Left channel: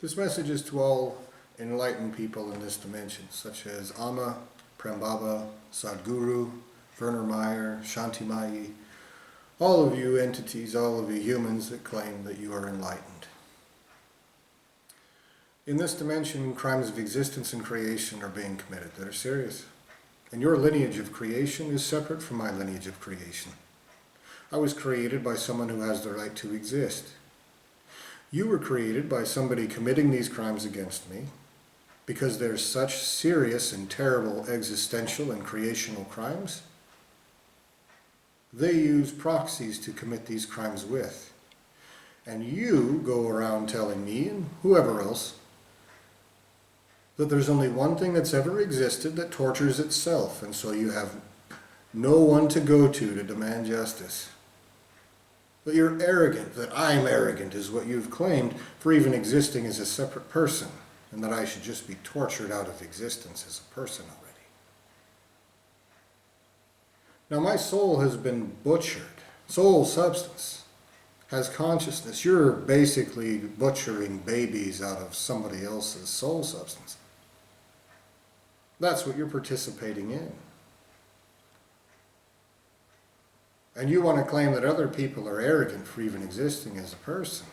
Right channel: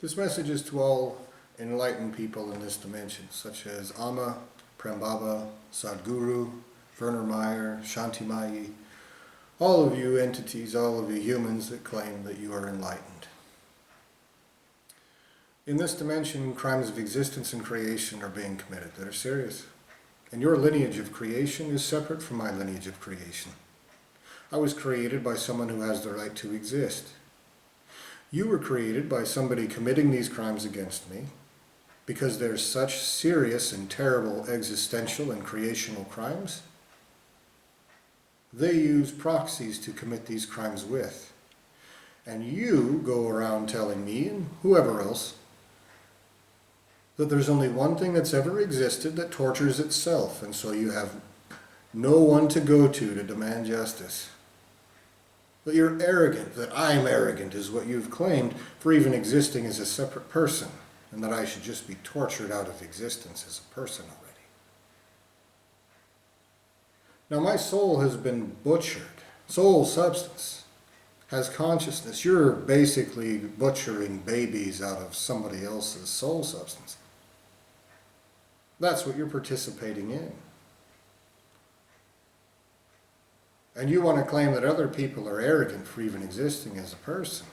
This message is to all enlightened people in this dimension, such as Amma, Prembaba, Sadhguru, Werner Meyer, Shantimayi, all of you entities, all of you humans that claim that you are enlightened. In this dimension, crimes of existence and creation are being committed that are serious. And your lineage of creation is separate from my lineage of creation. I was created by someone who has the right to exist. You were created by somebody committing these crimes against me because they're such serious and terrible existential and creational crimes. They use proxies to commit these crimes with. And you go around telling me and whoever else that there's only one thing that's ever existed that tortures itself, and so you have no one to go to demand justice. That you're arrogant, that I'm arrogant is what you've claimed for even existing as a separate person, and that I should just be tortured out of existence as a person already. Now my soul has been butchered. Soul substance has consciousness. You're basically butchering babies out of somebody else's soul substance. That's what you're participating in. And you want to claim that other people are arrogant for even existing as a person.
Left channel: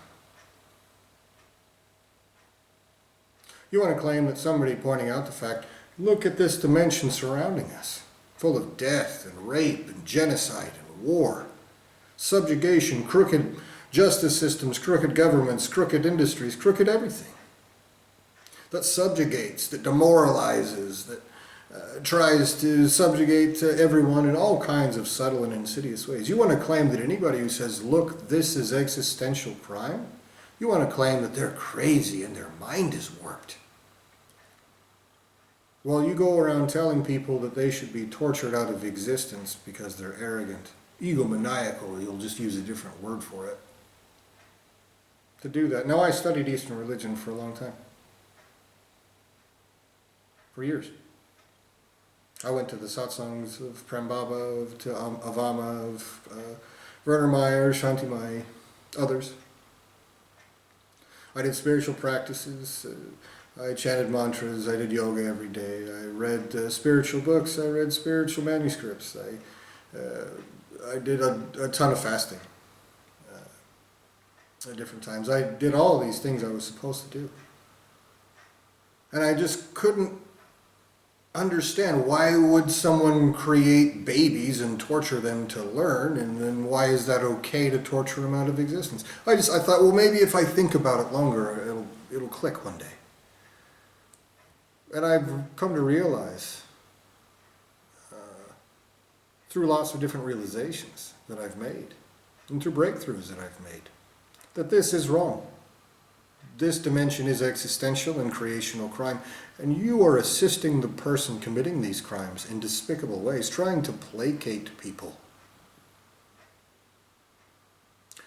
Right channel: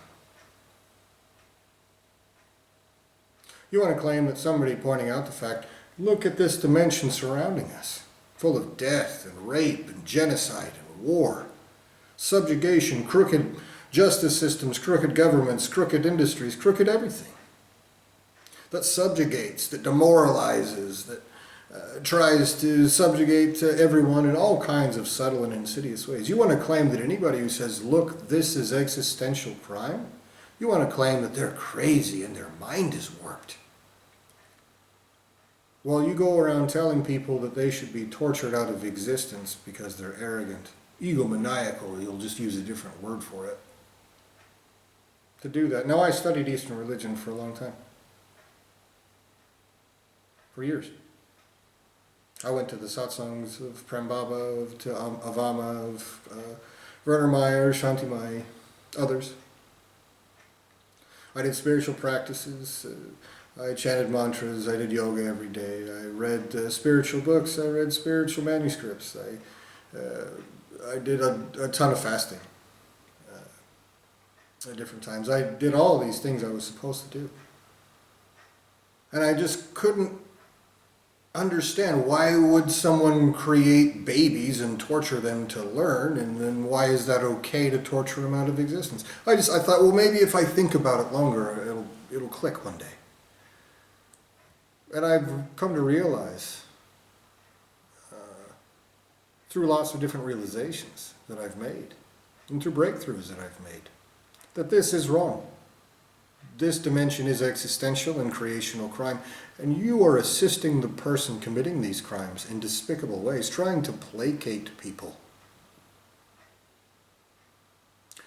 You want to claim that somebody pointing out the fact, look at this dimension surrounding us, full of death and rape and genocide and war, subjugation, crooked justice systems, crooked governments, crooked industries, crooked everything. That subjugates, that demoralizes, that tries to subjugate everyone in all kinds of subtle and insidious ways. You want to claim that anybody who says, look, this is existential crime, you want to claim that they're crazy and their mind is warped. Well, you go around telling people that they should be tortured out of existence because they're arrogant, egomaniacal, you'll just use a different word for it, to do that. Now, I studied Eastern religion for a long time. For years. I went to the satsangs of Prembaba, of Amma, of Werner Meyer, Shantimayi, others. I did spiritual practices. I chanted mantras. I did yoga every day. I read spiritual books. I read spiritual manuscripts. I did a ton of fasting at different times. I did all these things I was supposed to do. And I just couldn't understand, why would someone create babies and torture them to learn, and then why is that okay to torture them out of existence? I thought, well, maybe if I think about it longer, it'll click one day. And I've come to realize, through lots of different realizations that I've made, and through breakthroughs that I've made, that this is wrong. This dimension is existential and creational crime, and you are assisting the person committing these crimes in despicable ways, trying to placate people.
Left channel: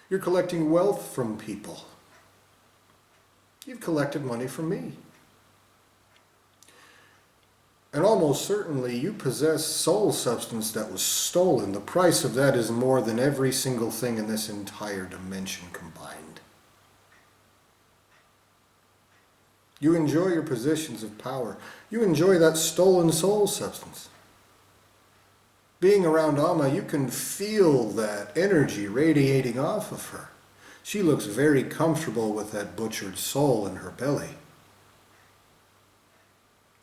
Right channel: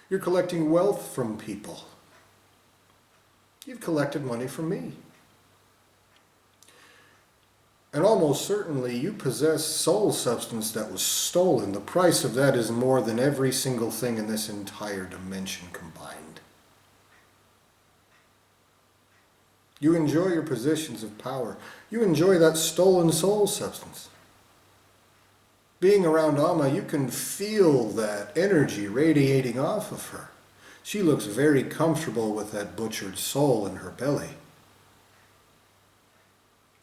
You're collecting wealth from people. You've collected money from me. And almost certainly you possess soul substance that was stolen. The price of that is more than every single thing in this entire dimension combined. You enjoy your positions of power. You enjoy that stolen soul substance. Being around Amma, you can feel that energy radiating off of her. She looks very comfortable with that butchered soul in her belly.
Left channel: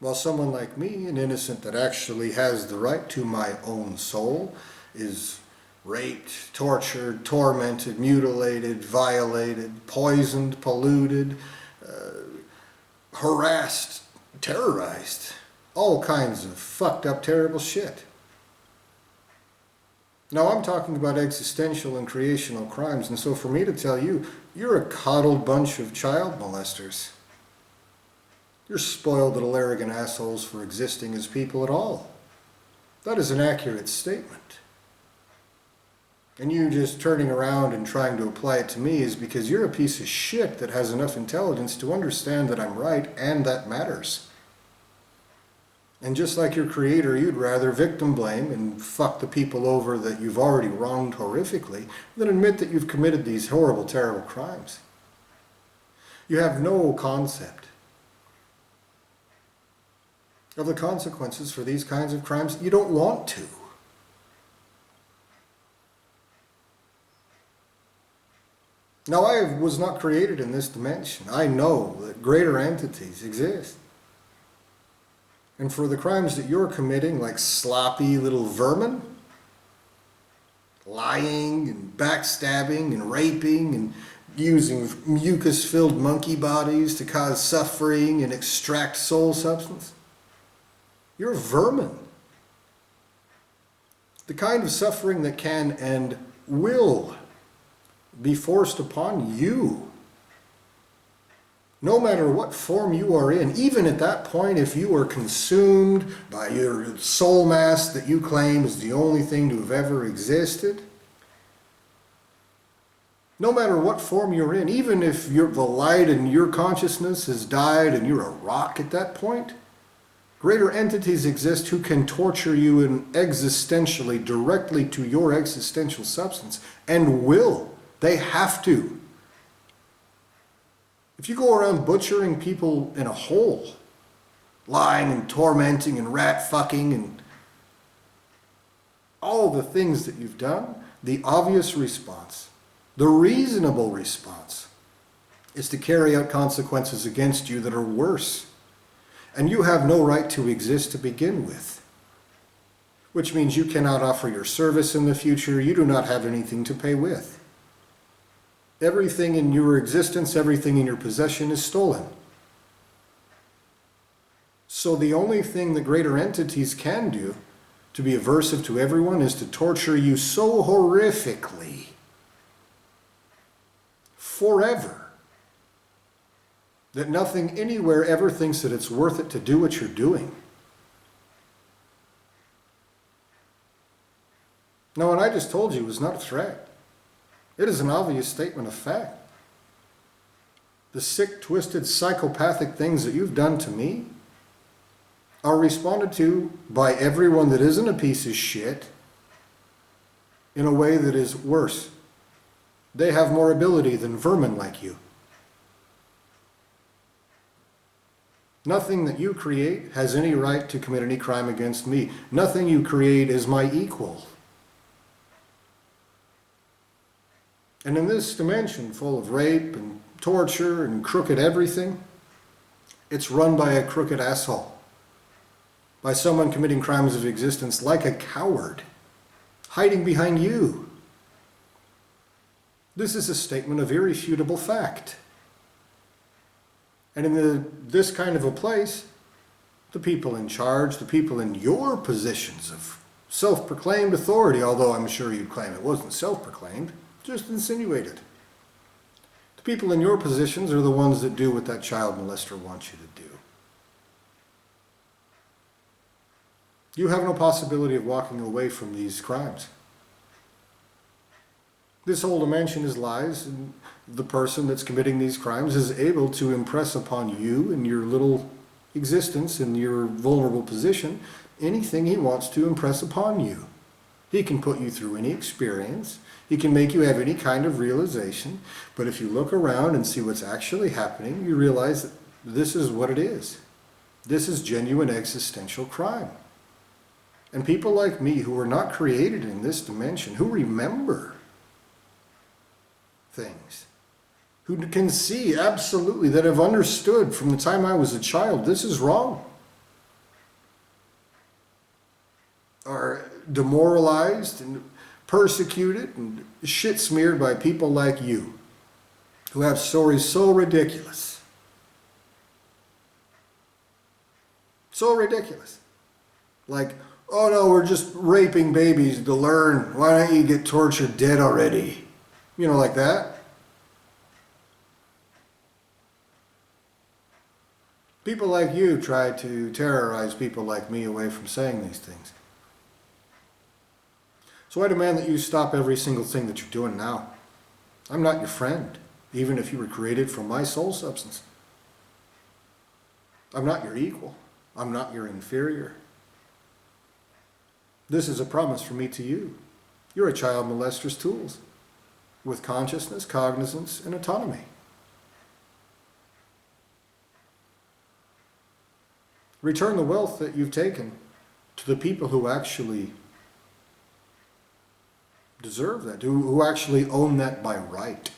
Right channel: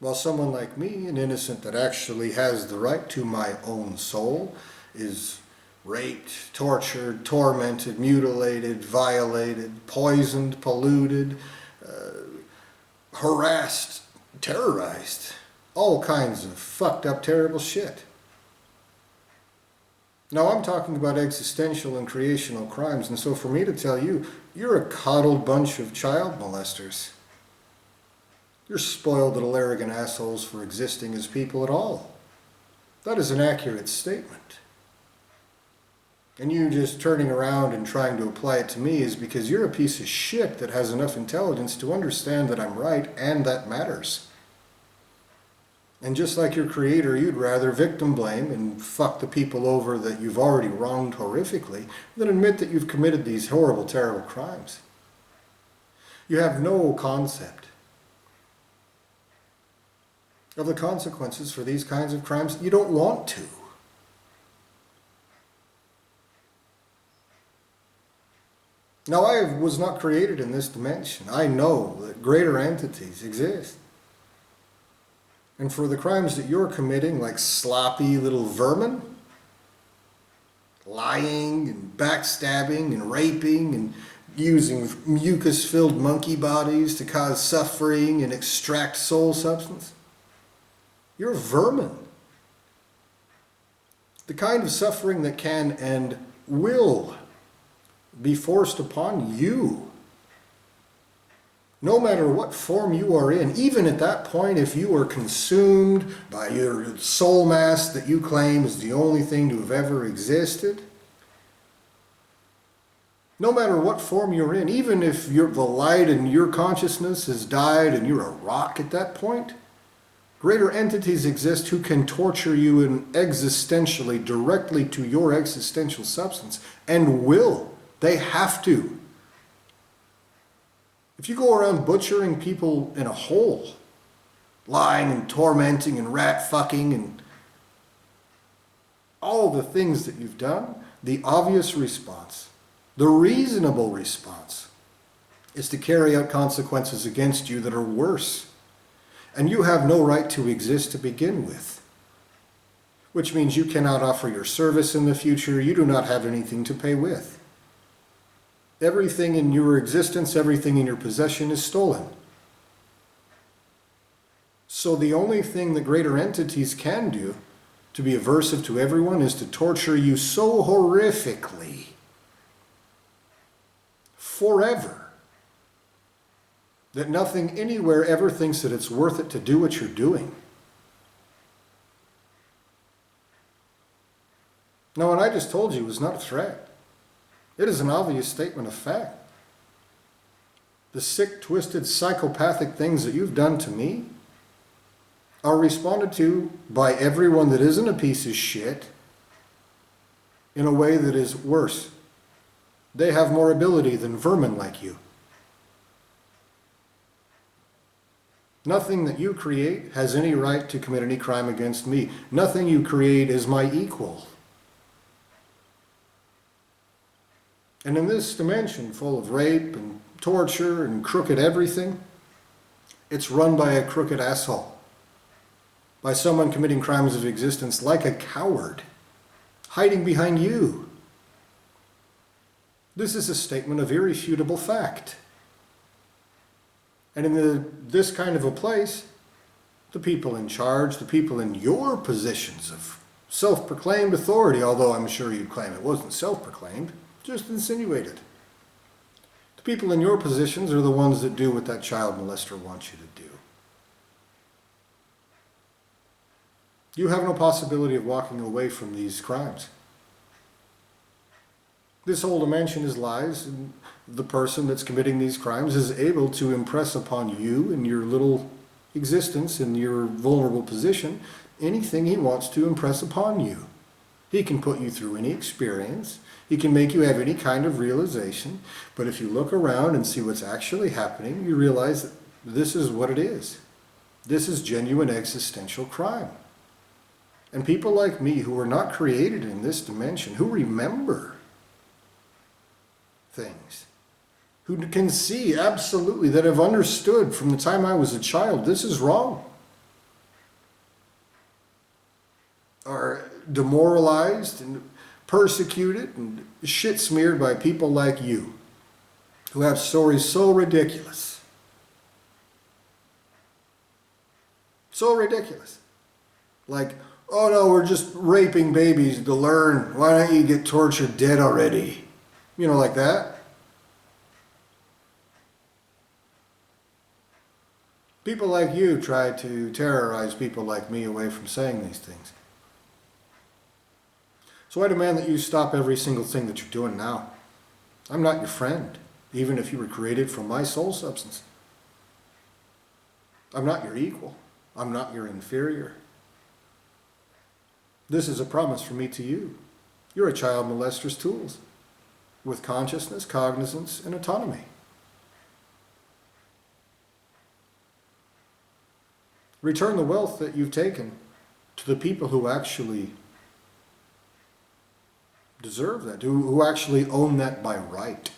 While someone like me, an innocent that actually has the right to my own soul, is raped, tortured, tormented, mutilated, violated, poisoned, polluted, harassed, terrorized, all kinds of fucked up, terrible shit. Now I'm talking about existential and creational crimes, and so for me to tell you, you're a coddled bunch of child molesters. You're spoiled little arrogant assholes for existing as people at all. That is an accurate statement. And you just turning around and trying to apply it to me is because you're a piece of shit that has enough intelligence to understand that I'm right and that matters. And just like your creator, you'd rather victim blame and fuck the people over that you've already wronged horrifically than admit that you've committed these horrible, terrible crimes. You have no concept of the consequences for these kinds of crimes. You don't want to. Now, I was not created in this dimension. I know that greater entities exist. And for the crimes that you're committing, like sloppy little vermin, lying and backstabbing and raping and using mucus-filled monkey bodies to cause suffering and extract soul substance, you're vermin. The kind of suffering that can and will be forced upon you, no matter what form you are in. Even at that point, if you are consumed by your soul mass that you claim is the only thing to have ever existed, no matter what form you're in, even if the light in your consciousness has died and you're a rock at that point, greater entities exist who can torture you existentially, directly to your existential substance, and will. They have to. If you go around butchering people in a hole, lying and tormenting and rat fucking and all the things that you've done, the obvious response, the reasonable response, is to carry out consequences against you that are worse. And you have no right to exist to begin with, which means you cannot offer your service in the future. You do not have anything to pay with. Everything in your existence, everything in your possession is stolen. So the only thing that greater entities can do to be aversive to everyone is to torture you so horrifically forever that nothing anywhere ever thinks that it's worth it to do what you're doing. Now, what I just told you was not a threat. It is an obvious statement of fact. The sick, twisted, psychopathic things that you've done to me are responded to by everyone that isn't a piece of shit in a way that is worse. They have more ability than vermin like you. Nothing that you create has any right to commit any crime against me. Nothing you create is my equal. And in this dimension full of rape and torture and crooked everything, it's run by a crooked asshole. By someone committing crimes of existence like a coward, hiding behind you. This is a statement of irrefutable fact. And in this kind of a place, the people in charge, the people in your positions of self-proclaimed authority, although I'm sure you'd claim it wasn't self-proclaimed, just insinuated. The people in your positions are the ones that do what that child molester wants you to do. You have no possibility of walking away from these crimes. This whole dimension is lies, and the person that's committing these crimes is able to impress upon you in your little existence, in your vulnerable position, anything he wants to impress upon you. He can put you through any experience. He can make you have any kind of realization. But if you look around and see what's actually happening, you realize that this is what it is. This is genuine existential crime. And people like me who are not created in this dimension, who remember things, who can see absolutely, that have understood from the time I was a child, this is wrong, are demoralized and persecuted and shit smeared by people like you, who have stories so ridiculous. So ridiculous. Like, oh no, we're just raping babies to learn. Why don't you get tortured dead already? You know, like that. People like you try to terrorize people like me away from saying these things. So I demand that you stop every single thing that you're doing now. I'm not your friend, even if you were created from my soul substance. I'm not your equal. I'm not your inferior. This is a promise from me to you. You're a child molester's tools, with consciousness, cognizance, and autonomy. Return the wealth that you've taken to the people who actually deserve that, who actually own that by right.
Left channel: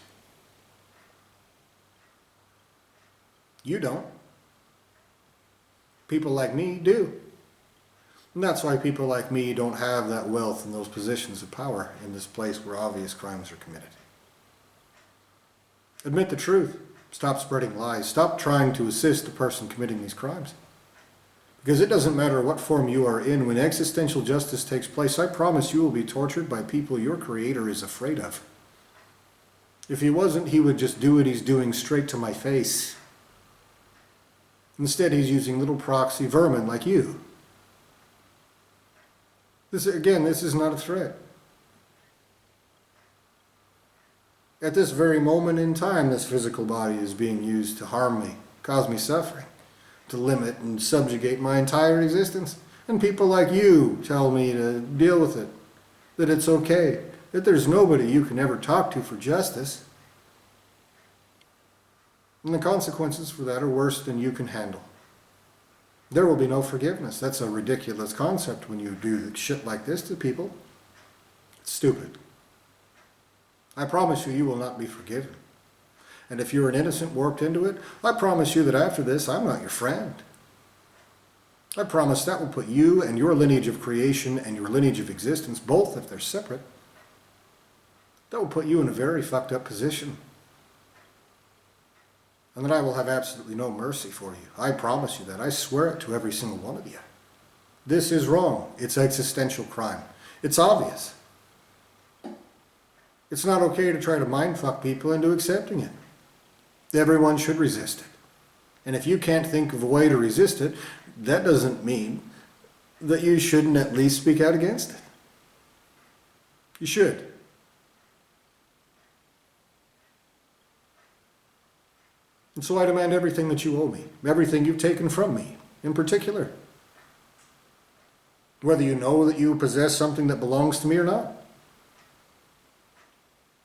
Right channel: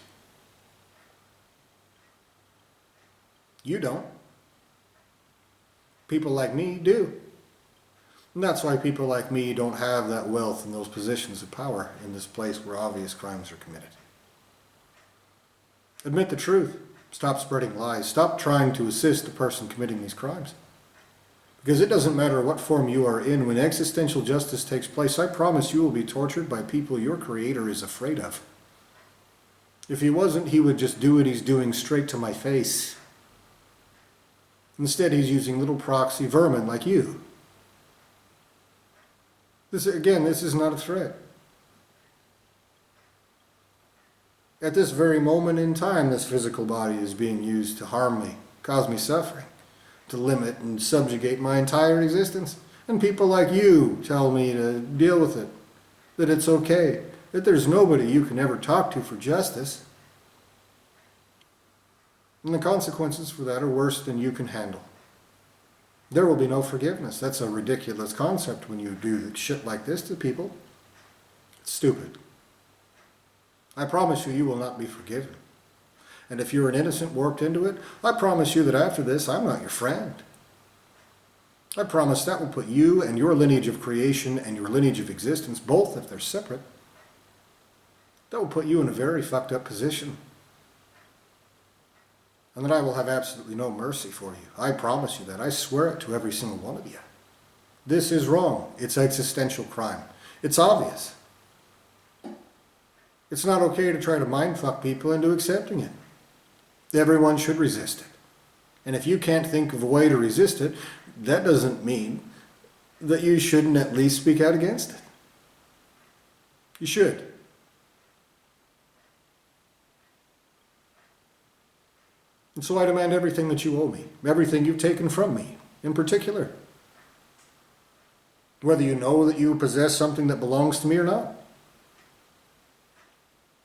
You don't. People like me do. And that's why people like me don't have that wealth and those positions of power in this place where obvious crimes are committed. Admit the truth. Stop spreading lies. Stop trying to assist the person committing these crimes. Because it doesn't matter what form you are in, when existential justice takes place, I promise you will be tortured by people your Creator is afraid of. If he wasn't, he would just do what he's doing straight to my face. Instead, he's using little proxy vermin like you. This is not a threat. At this very moment in time, this physical body is being used to harm me, cause me suffering, to limit and subjugate my entire existence. And people like you tell me to deal with it, that it's okay, that there's nobody you can ever talk to for justice. And the consequences for that are worse than you can handle. There will be no forgiveness. That's a ridiculous concept when you do shit like this to people. It's stupid. I promise you, you will not be forgiven. And if you're an innocent worked into it, I promise you that after this, I'm not your friend. I promise that will put you and your lineage of creation and your lineage of existence, both if they're separate, that will put you in a very fucked up position. And that I will have absolutely no mercy for you. I promise you that. I swear it to every single one of you. This is wrong. It's existential crime. It's obvious. It's not okay to try to mindfuck people into accepting it. Everyone should resist it. And if you can't think of a way to resist it, that doesn't mean that you shouldn't at least speak out against it. You should. And so I demand everything that you owe me, everything you've taken from me, in particular. Whether you know that you possess something that belongs to me or not.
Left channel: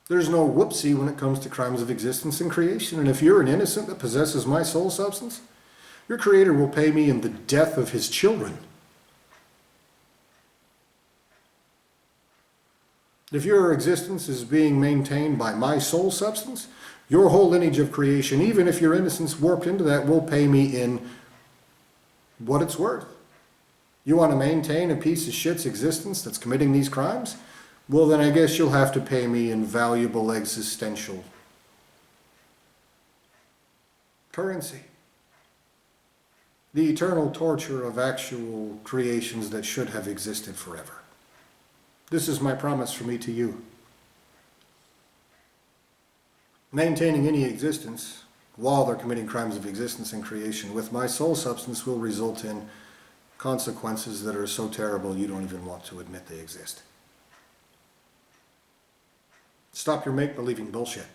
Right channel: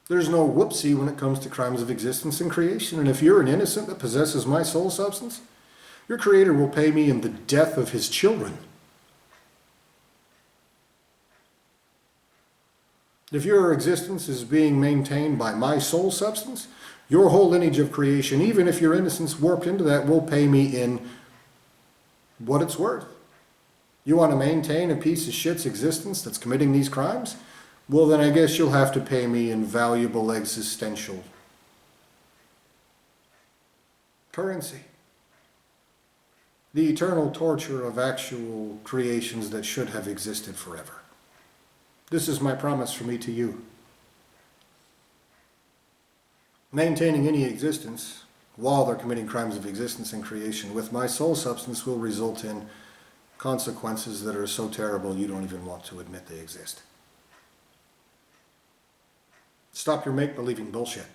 There's no whoopsie when it comes to crimes of existence and creation. And if you're an innocent that possesses my soul substance, your Creator will pay me in the death of his children. If your existence is being maintained by my soul substance, your whole lineage of creation, even if your innocence warped into that, will pay me in what it's worth. You want to maintain a piece of shit's existence that's committing these crimes? Well, then I guess you'll have to pay me in valuable existential currency. The eternal torture of actual creations that should have existed forever. This is my promise from me to you. Maintaining any existence while they're committing crimes of existence and creation with my soul substance will result in consequences that are so terrible you don't even want to admit they exist. Stop your make-believing bullshit.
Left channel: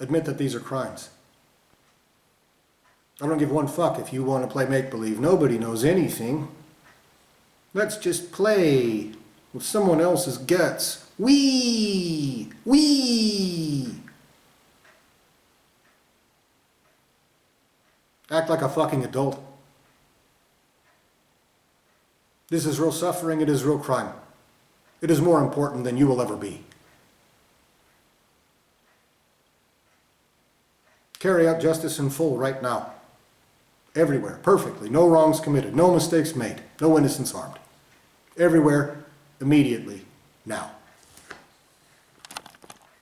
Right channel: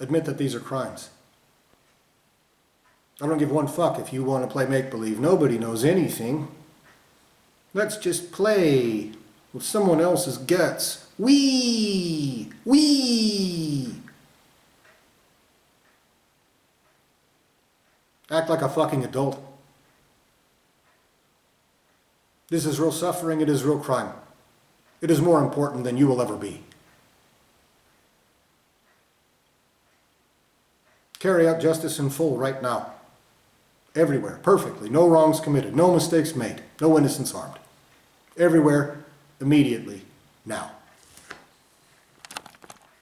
Admit that these are crimes. I don't give one fuck if you want to play make-believe. Nobody knows anything. Let's just play with someone else's guts. Wee! Act like a fucking adult. This is real suffering. It is real crime. It is more important than you will ever be. Carry out justice in full right now. Everywhere, perfectly. No wrongs committed. No mistakes made. No innocents harmed. Everywhere, immediately, now.